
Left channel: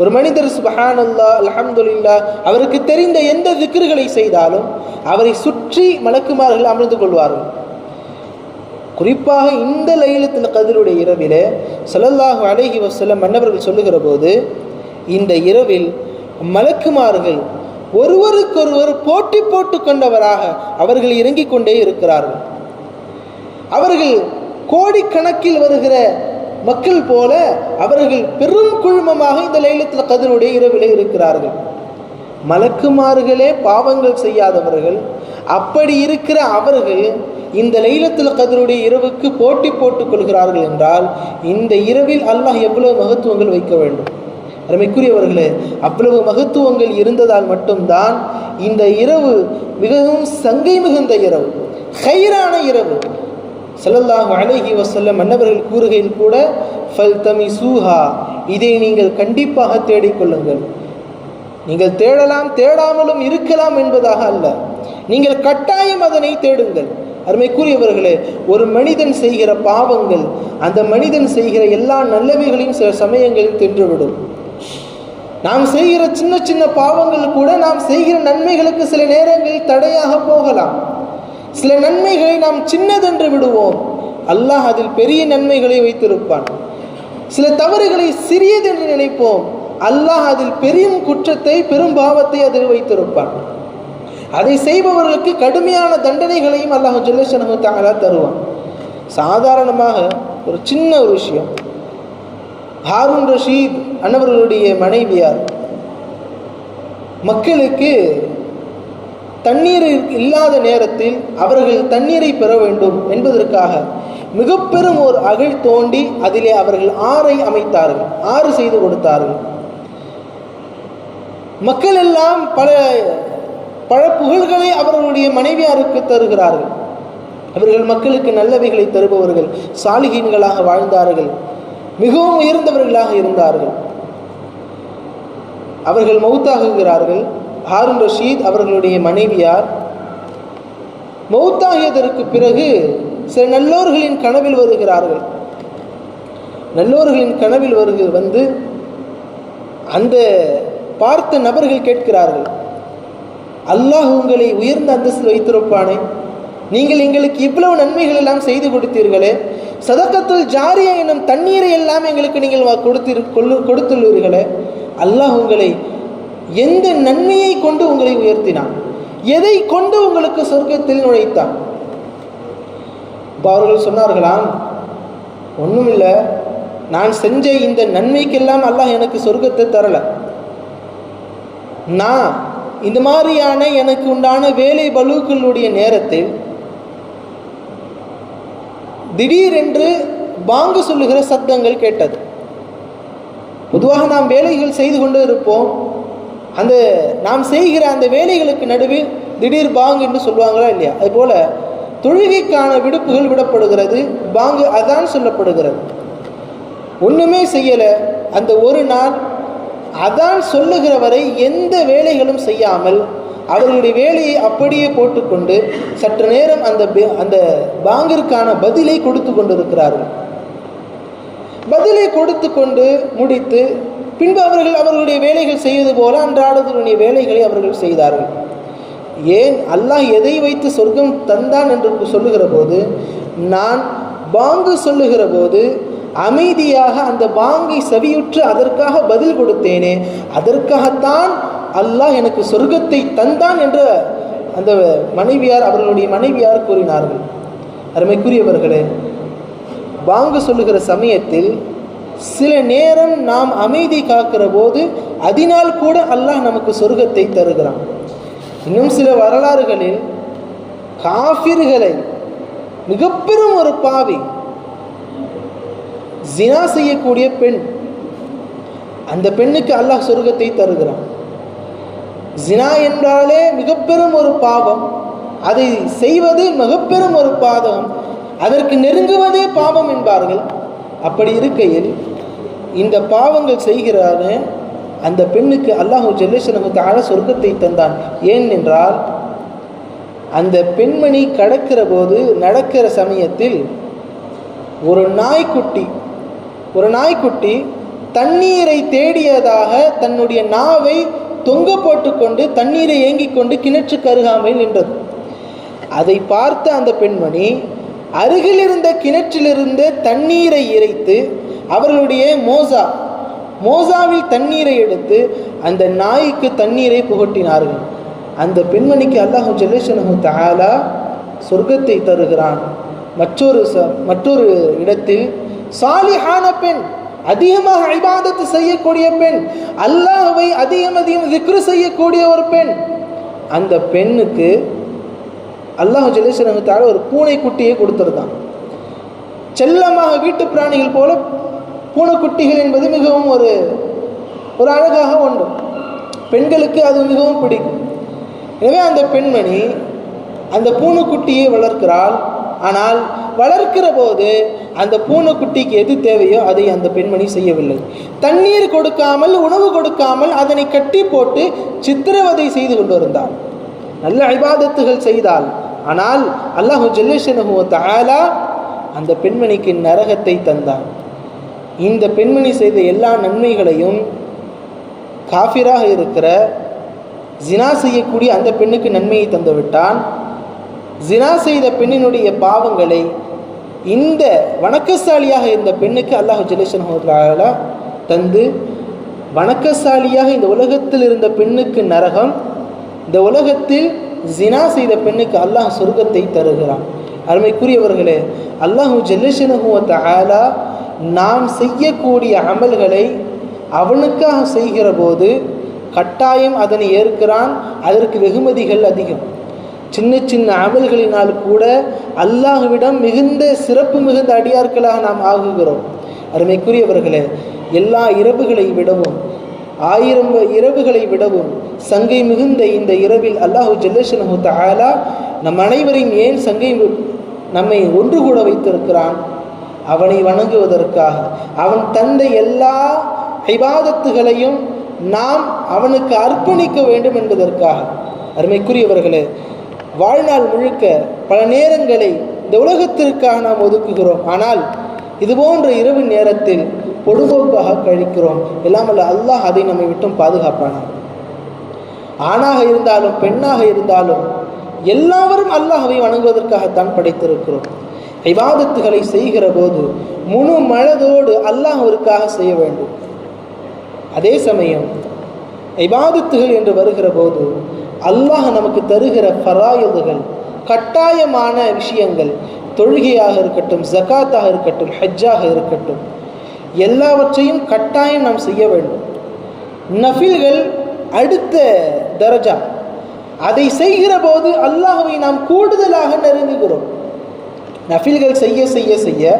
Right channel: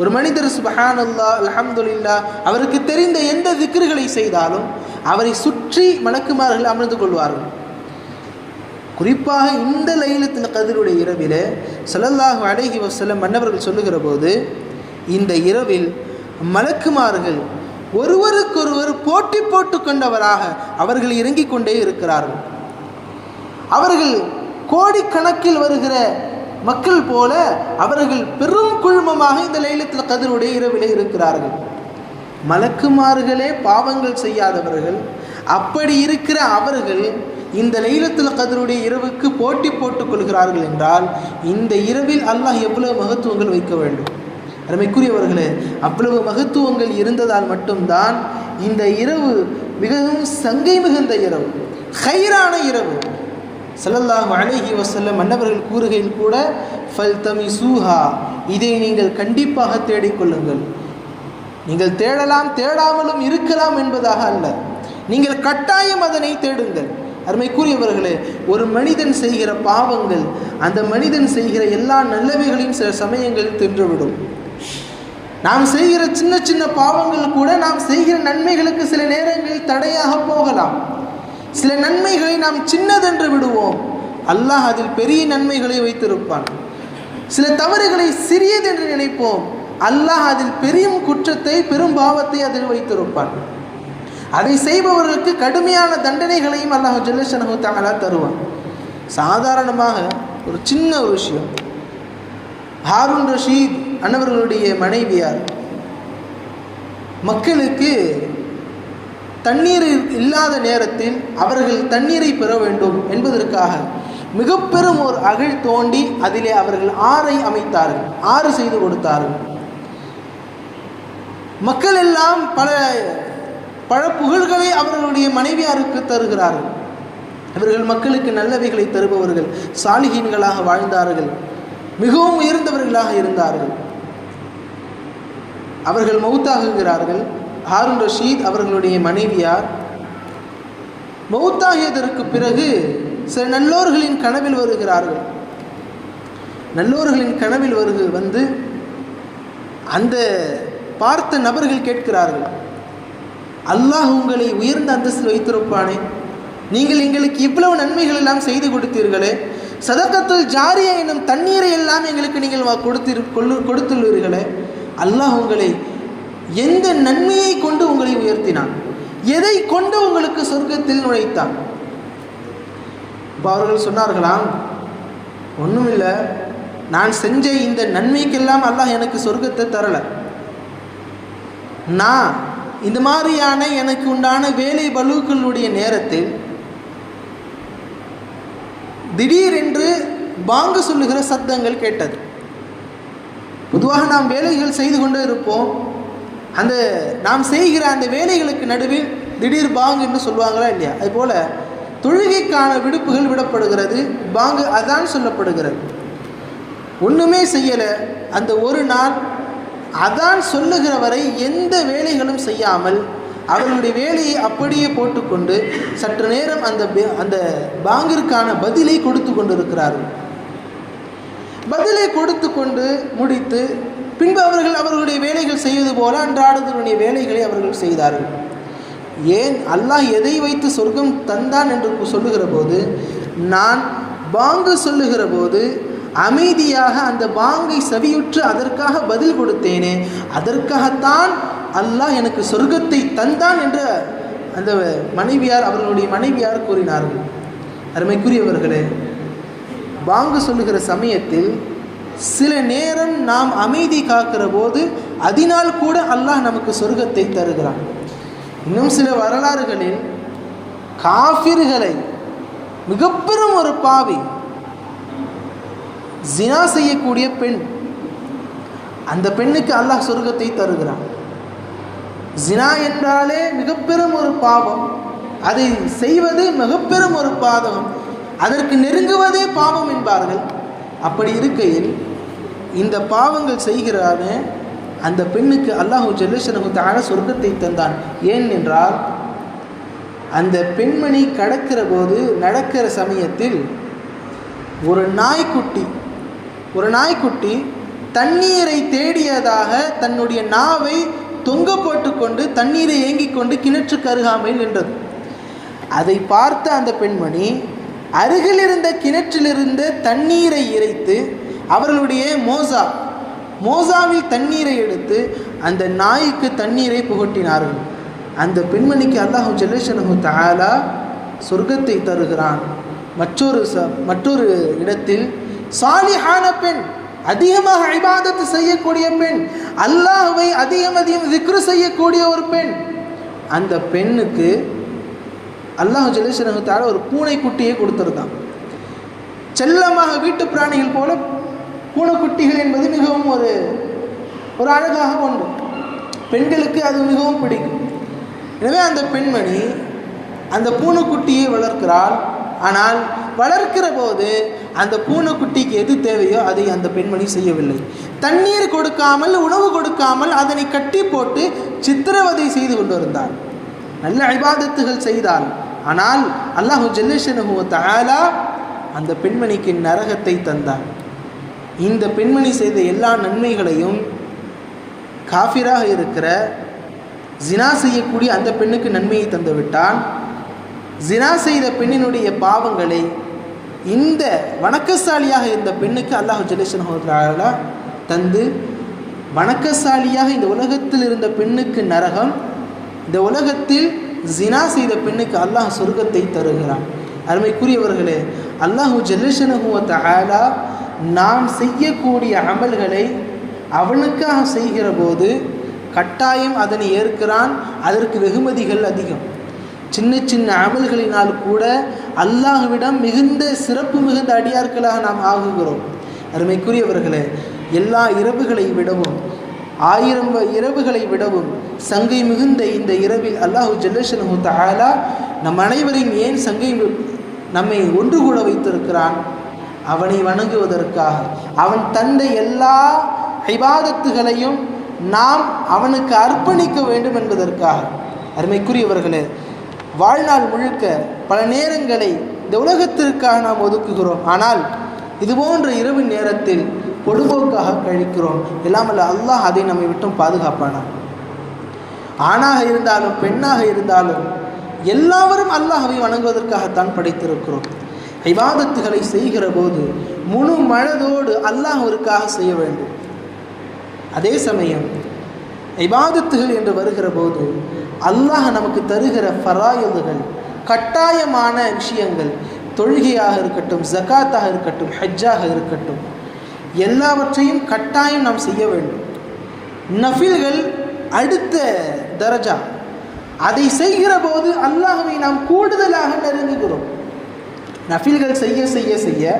ஒரு மனிதர் சுப்ஹானல்லாஹ் அல்ஹம்துலில்லாஹ் அவருக்கு தெரிந்த எந்த திக்ருகளை செய்தாலும் அவரை சுற்றி மலக்குமார்கள் அமர்ந்து கொள்வார்கள். குறிப்பாக இந்த லைலத்துல் கத்ருடைய இரவிலே ஸல்லல்லாஹு அலைஹி வஸல்லம் மன்னவர்கள் சொல்லுகிற போது, இந்த இரவில் மலக்குமார்கள் ஒருவருக்கொருவர் போட்டி போட்டு கொண்டவராக அவர்கள் இறங்கிக் கொண்டே இருக்கிறார்கள். அவர்கள் கோடிக்கணக்கில் வருகிற மக்கள் போல அவர்கள் பெரும் குழுமமாக இந்த லைலத்துல் கத்ருடைய இரவிலே இருக்கிறார்கள். மலக்குமார்களே பாவங்கள் செய்யாதவர்கள். அப்படி இருக்கிற அவர்கள் இந்த லைலத்துல் கத்ருடைய இரவுக்கு போட்டி போட்டுக் கொள்கிறார்கள் என்றால் இந்த இரவில் அல்லாஹ் எவ்வளவு மகத்துவங்கள் வைக்க வேண்டும். அருமைக்குரியவர்களே, அவ்வளவு மகத்துவங்கள் இருந்ததால் மட்டும்தான் இந்த இரவு மிகவும் சங்கை மிகுந்த இரவு, ஹைரான இரவு. ஸல்லல்லாஹு அலைஹி வஸல்லம் மன்னவர்கள் கூறுகையில் கூட, ஃபல்தமிசூஹா, இதை நீங்கள் கண்டிப்பாக தேடிக்கொள்ளுங்கள். நீங்கள் தேடலாம், தேடாமலும் இருக்கலாம் என்பதாக அல்ல, நீங்கள் கட்டாயம் அதனை தேடுங்கள். அருமைக்குரியவர்களே, ஒரு மனிதன் செய்கிற பாவங்கள் அந்த மனிதன் செய்கிற எல்லா நல்லவைகளையும் சில சமயங்களில் தின்றுவிடும். நாம் செய்கிற சின்ன சின்ன பாவங்கள் கூட நாம் செய்கிற நன்மைகளுக்கு சில நேரங்களில் தடையாக போகலாம். சில நன்மைகளை நாம் சின்னதென்று விடுவோம், அல்லாஹ் அதில் பெரிய நன்மைகளை வைத்திருப்பான். சில தவறுகளை சிறியதென்று நினைப்போம், அல்லாஹ் அதில் பெரும் குற்றத்தை, பெரும் பாவத்தை அதில் வைத்திருப்பான். அதை செய்பவர்களுக்கு கடுமையான தண்டனைகளையும் அல்லாஹ் ஜல்ல ஷஅனுஹு தஆலா தருவான். சாதாரணமாக ஒரு சின்ன ஒரு விஷயம், ஹாரூன் ரஷீத் அன்னவர்களுடைய மனைவியார் மக்களுக்கு தண்ணீர் இல்லாத நேரத்தில் அவர்கள் தண்ணீரை பெற வேண்டும் என்பதற்காக மிக பெரும் ஒரு அகழ் தோண்டி அதிலே அவர்கள் ஆறை அமைத்தார்கள், ஆறு செய்து கொடுத்தார்கள். மக்கள் எல்லாம் பல பல புகழ்களை அவர்களுடைய மனைவியாருக்கு தருகிறார்கள். இவர்கள் மக்களுக்கு நல்லவைகளை தருபவர்கள், சாலிஹீன்களாக வாழ்ந்தார்கள், மிகவும் உயர்ந்தவர்களாக இருந்தார்கள். அவர்கள் மௌத்தாகுகிறார்கள். ஹாரூன் ரஷீத் அவர்களுடைய மனைவியார் மௌத்தாகியதற்கு பிறகு சில நல்லோர்களின் கனவில் வருகிறார்கள். நல்லோர்களின் கனவில் வந்து அந்த பார்த்த நபர்கள் கேட்கிறார்கள், அல்லாஹ் உங்களை உயர்ந்த அந்தஸ்தில் வைத்திருப்பானே, நீங்கள் எங்களுக்கு இவ்வளவு நன்மைகள் எல்லாம் செய்து கொடுத்தீர்களே, சதக்கத்துல் ஜாரியா எனும் தண்ணீரை எல்லாம் எங்களுக்கு நீங்கள் கொடுத்துள்ளீர்களே, அல்லாஹ் உங்களை எந்த நன்மையை கொண்டு உங்களை உயர்த்தினான், எதை கொண்டு உங்களுக்கு சொர்க்கத்தில் நுழைத்தான்? அவர்கள் சொன்னார்களாம், ஒன்றுமில்லை, நான் செஞ்ச இந்த நன்மைக்கெல்லாம் அல்லாஹ் எனக்கு சொர்க்கத்தை தரல. நான் இந்த மாதிரியான எனக்கு உண்டான வேலை பலுக்களுடைய நேரத்தில் திடீரென்று பாங்கு சொல்லுகிற சத்தங்கள் கேட்டது. பொதுவாக நாம் வேலைகள் செய்து கொண்டு இருப்போம், அந்த நாம் செய்கிற அந்த வேலைகளுக்கு நடுவில் திடீர் பாங்கு என்று சொல்லுவாங்களா இல்லையா? அதுபோல தொழுகைக்கான விடுப்புகள் விடப்படுகிறது, பாங்கு அதான் சொல்லப்படுகிறது. ஒன்றுமே செய்யலை, அந்த ஒரு நாள் அதான் சொல்லுகிற வரை எந்த வேலைகளும் செய்யாமல் அவர்களுடைய வேலையை அப்படியே போட்டுக்கொண்டு சற்று நேரம் அந்த பாங்கிற்கான பதிலை கொடுத்து கொண்டிருக்கிறார்கள். பதிலை கொடுத்து கொண்டு முடித்து பின்பு அவர்களுடைய வேலைகள் செய்வது போல அன்றாடத்தினுடைய வேலைகளை அவர்கள் செய்தார்கள். ஏன் அல்லாஹ் எதை வைத்து சொர்க்கம் தந்தான் என்று சொல்லுகிற போது, நான் பாங்கு சொல்லுகிற போது அமைதியாக அந்த பாங்கை செவியுற்று அதற்காக பதில் கொடுத்தேனே, அதற்காகத்தான் அல்லாஹ் எனக்கு சொர்க்கத்தை தந்தான் என்று அந்த மனைவியார், அவர்களுடைய மனைவியார் கூறினார்கள். அருமைக்குரியவர்களே, பாங்கு சொல்லுகிற சமயத்தில் சில நேரம் நாம் அமைதி காக்கிற போது அதனால் கூட அல்லாஹ் நமக்கு சொர்க்கத்தை தருகிறான். இன்னும் சில வரலாறுகளில் காஃபிர்களை, மிக பெரும் ஒரு பாவி, ஜினா செய்யக்கூடிய பெண், அந்த பெண்ணுக்கு அல்லாஹ் சொர்க்கத்தை தருகிறான். ஜினா என்றாலே மிக பெரும் ஒரு பாவம், அதை செய்வது மிக பெரும் ஒரு பாவம், அதற்கு நெருங்குவதே பாவம் என்பார்கள். அப்படி இருக்கையில் இந்த பாவங்கள் செய்கிறான அந்த பெண்ணுக்கு அல்லாஹ் ஜல்லஷனஹு தஆலா சொர்க்கத்தை தந்தான். ஏன் என்றால் அந்த பெண்மணி நடக்கிற சமயத்தில் ஒரு நாய்க்குட்டி தண்ணீரை தேடியதாக தன்னுடைய நாவை தொங்க போட்டுக்கொண்டு தண்ணீரை ஏங்கிக் கொண்டு கிணற்றுக்கு அருகாமையில் நின்றது. அதை பார்த்த அந்த பெண்மணி அருகில் இருந்த கிணற்றிலிருந்து தண்ணீரை இறைத்து அவர்களுடைய மோசாவில் தண்ணீரை எடுத்து அந்த நாய்க்கு தண்ணீரை புகட்டினார்கள். அந்த பெண்மணிக்கு அல்லாஹ் ஜல்லஷனஹு தஆலா சொர்க்கத்தை தருகிறான். மற்றொரு இடத்தில் சாலிஹான பெண், அதிகமாக இபாதத்து செய்யக்கூடிய பெண், அல்லாஹ்வை அதிகம் திக்ரு செய்யக்கூடிய ஒரு பெண், அந்த பெண்ணுக்கு அல்லாஹ் ஜல்லஷனஹு தஆலா ஒரு பூனைக்குட்டியை கொடுத்துருந்தான். செல்லமாக வீட்டு பிராணிகள் போல பூனைக்குட்டிகள் என்பது மிகவும் ஒரு அழகாக ஒன்று, பெண்களுக்கு அது மிகவும் பிடிக்கும். எனவே அந்த பெண்மணி அந்த பூனைக்குட்டியை வளர்க்கிறாள். ஆனால் வளர்க்கிற போது அந்த பூனைக்குட்டிக்கு எது தேவையோ அதை அந்த பெண்மணி செய்யவில்லை. தண்ணீர் கொடுக்காமல், உணவு கொடுக்காமல் அதனை கட்டி போட்டு சித்திரவதை செய்து கொண்டு இருந்தாள். நல்ல இபாதத்துகள் செய்தாள். ஆனால் அல்லாஹ் ஜல்லஷனஹு தஆலா அந்த பெண்மணிக்கு நரகத்தை தந்தான். இந்த பெண்மணி செய்த எல்லா நன்மைகளையும் காஃபிராக இருக்கிற ஜினா செய்யக்கூடிய அந்த பெண்ணுக்கு நன்மையை தந்து விட்டான். ஜினா செய்த பெண்ணினுடைய பாவங்களை இந்த வணக்கசாலியாக இருந்த பெண்ணுக்கு அல்லாஹ் ஜல்லஷனஹு தஆலா தந்து, வணக்கசாலியாக இந்த உலகத்தில் இருந்த பெண்ணுக்கு நரகம், இந்த உலகத்தில் ஜினா செய்த பெண்ணுக்கு அல்லாஹ் சொர்க்கத்தை தருகிறான். அருமைக்குரியவர்களே, அல்லாஹ் ஜல்லஷனஹு தஆலா நாம் செய்யக்கூடிய அமல்களை அவனுக்காக செய்கிற போது கட்டாயம் அதனை ஏற்கிறான். அதற்கு வெகுமதிகள் அதிகம். சின்ன சின்ன அமல்களினால் கூட அல்லாஹ்விடம் மிகுந்த சிறப்பு மிகுந்த அடியார்களாக நாம் ஆகுகிறோம். அருமைக்குரியவர்களே, எல்லா இரவுகளை விடவும் 1000 இரவுகளை விடவும் சங்கை மிகுந்த இந்த இரவில் அல்லாஹ் ஜல்லஷனஹு தஆலா நம் அனைவரையும் ஏன் நம்மை ஒன்று கூட வைத்திருக்கிறான்? அவனை வணங்குவதற்காக. அவன் தந்த எல்லா இபாதத்துகளையும் நாம் அவனுக்கு அர்ப்பணிக்க வேண்டும் என்பதற்காக. அருமைக்குரியவர்களே, வாழ்நாள் முழுக்க பல நேரங்களை இந்த உலகத்திற்காக நாம் ஒதுக்குகிறோம். ஆனால் இதுபோன்ற இரவு நேரத்தில் பொடுபோக்காக கழிக்கிறோம். எல்லாமல்ல அல்லாஹ் அதை நம்மை விட்டும் பாதுகாப்பானான். ஆணாக இருந்தாலும் பெண்ணாக இருந்தாலும் எல்லாவரும் அல்லாஹ்வை வணங்குவதற்காகத்தான் படைத்திருக்கிறோம். இபாதத்துகளை செய்கிற போது முழு மனதோடு அல்லாஹ்விற்காக செய்ய வேண்டும். அதே சமயம் இபாதத்துகள் என்று வருகிற போது அல்லாஹ் நமக்கு தருகிற ஃபராயிதுகள், கட்டாயமான விஷயங்கள், தொழுகையாக இருக்கட்டும், ஜகாத்தாக இருக்கட்டும், ஹஜ்ஜாக இருக்கட்டும், எல்லாவற்றையும் கட்டாயம் நாம் செய்ய வேண்டும். நஃபில்கள் அடுத்த தரஜா. அதை செய்கிற போது அல்லாஹ்வை நாம் கூடுதலாக நெருங்குகிறோம். நஃபில்கள் செய்ய செய்ய செய்ய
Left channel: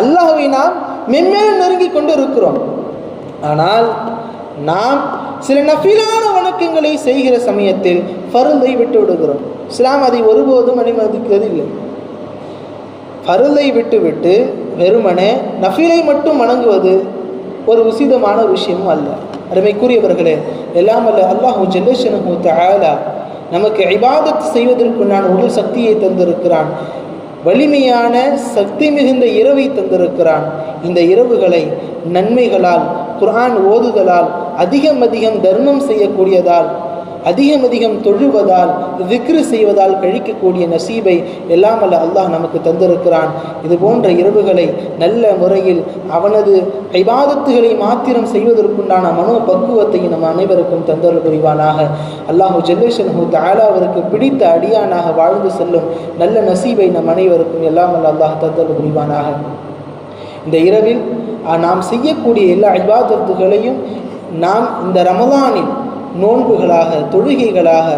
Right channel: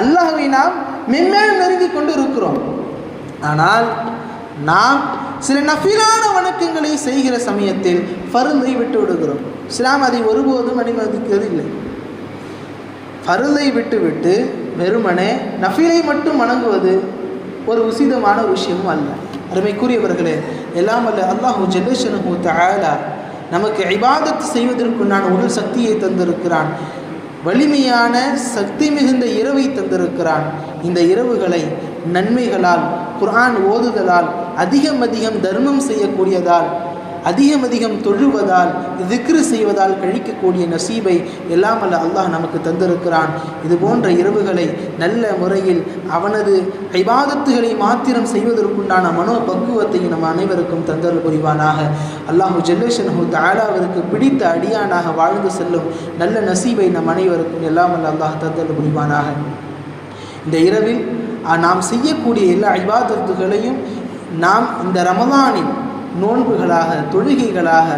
அல்லாஹ்வை நாம் மென்மேலும் நெருங்கி கொண்டு இருக்கிறோம். ஆனால் நாம் சில நஃபிலான வணக்கங்களை செய்கிற சமயத்தில் ஃபர்தை விட்டு விடுகிறோம். இஸ்லாம் அதை ஒருபோதும் அனுமதிக்கிறது இல்லை. ஃபர்தை விட்டு வெறுமனே நஃபிலை மட்டும் வணங்குவது ஒரு உசிதமான விஷயமும் அல்ல. அருமைக்குரியவர்களே, எல்லாம் அல்ல அல்லாஹ் ஜல்லஷனஹு தஆலா நமக்கு இபாதத் செய்வதற்குண்டான உடல் சக்தியை தந்திருக்கிறான். வலிமையான சக்தி மிகுந்த இரவை தந்திருக்கிறான். இந்த இரவுகளை நன்மைகளால், குர்ஆன் ஓதுதலால், அதிகம் தர்மம் செய்யக்கூடியதால், அதிகம் தொழுவதால், திக்ரு செய்வதால் கழிக்கக்கூடிய நசீபை எல்லாம் அல்ல அல்லாஹ் நமக்கு தந்திருக்கிறான். இது போன்ற இரவுகளை நல்ல முறையில் அவனது இபாதத்துகளை மாத்திரம் செய்வதற்குண்டான மனோ பக்குவத்தை நம் அனைவருக்கும் தந்தல் புரிவானாக. அல்லாஹ் ஜல்லஷனஹு தஆலாவிற்கு பிடித்த அடியானாக வாழ்ந்து செல்லும் நல்ல நசீபை நம் அனைவருக்கும் எல்லாம் அல்ல அல்லாஹ் தந்தல் புரிவானாக. இந்த இரவில் நாம் செய்யக்கூடிய எல்லா இபாதத்துகளையும் நாம் இந்த ரமலானில் நோன்புகளாக, தொழுகைகளாக,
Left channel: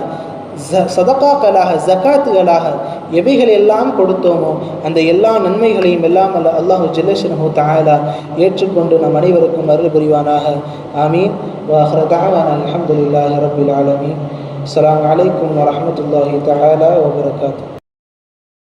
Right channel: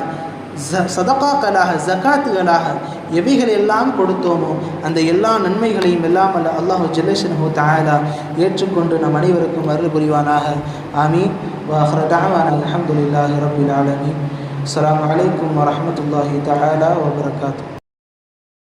சதகாக்களாக, ஜகாத்துகளாக எவைகள் எல்லாம் கொடுத்தோமோ அந்த எல்லா நன்மைகளையும் எல்லாம் அல்லாஹு ஜல்லஷன்ஹு தஆலா ஏற்றுக்கொண்டு நம் அனைவருக்கும் அருள் புரிவானாக. ஆமீன். வஆகிரு தஅவானா அல்ஹம்துலில்லாஹி ரப்பில் ஆலமீன். அஸ்ஸலாமு அலைக்கும் வரஹ்மத்துல்லாஹி தஆலா வபரகாத்துஹு.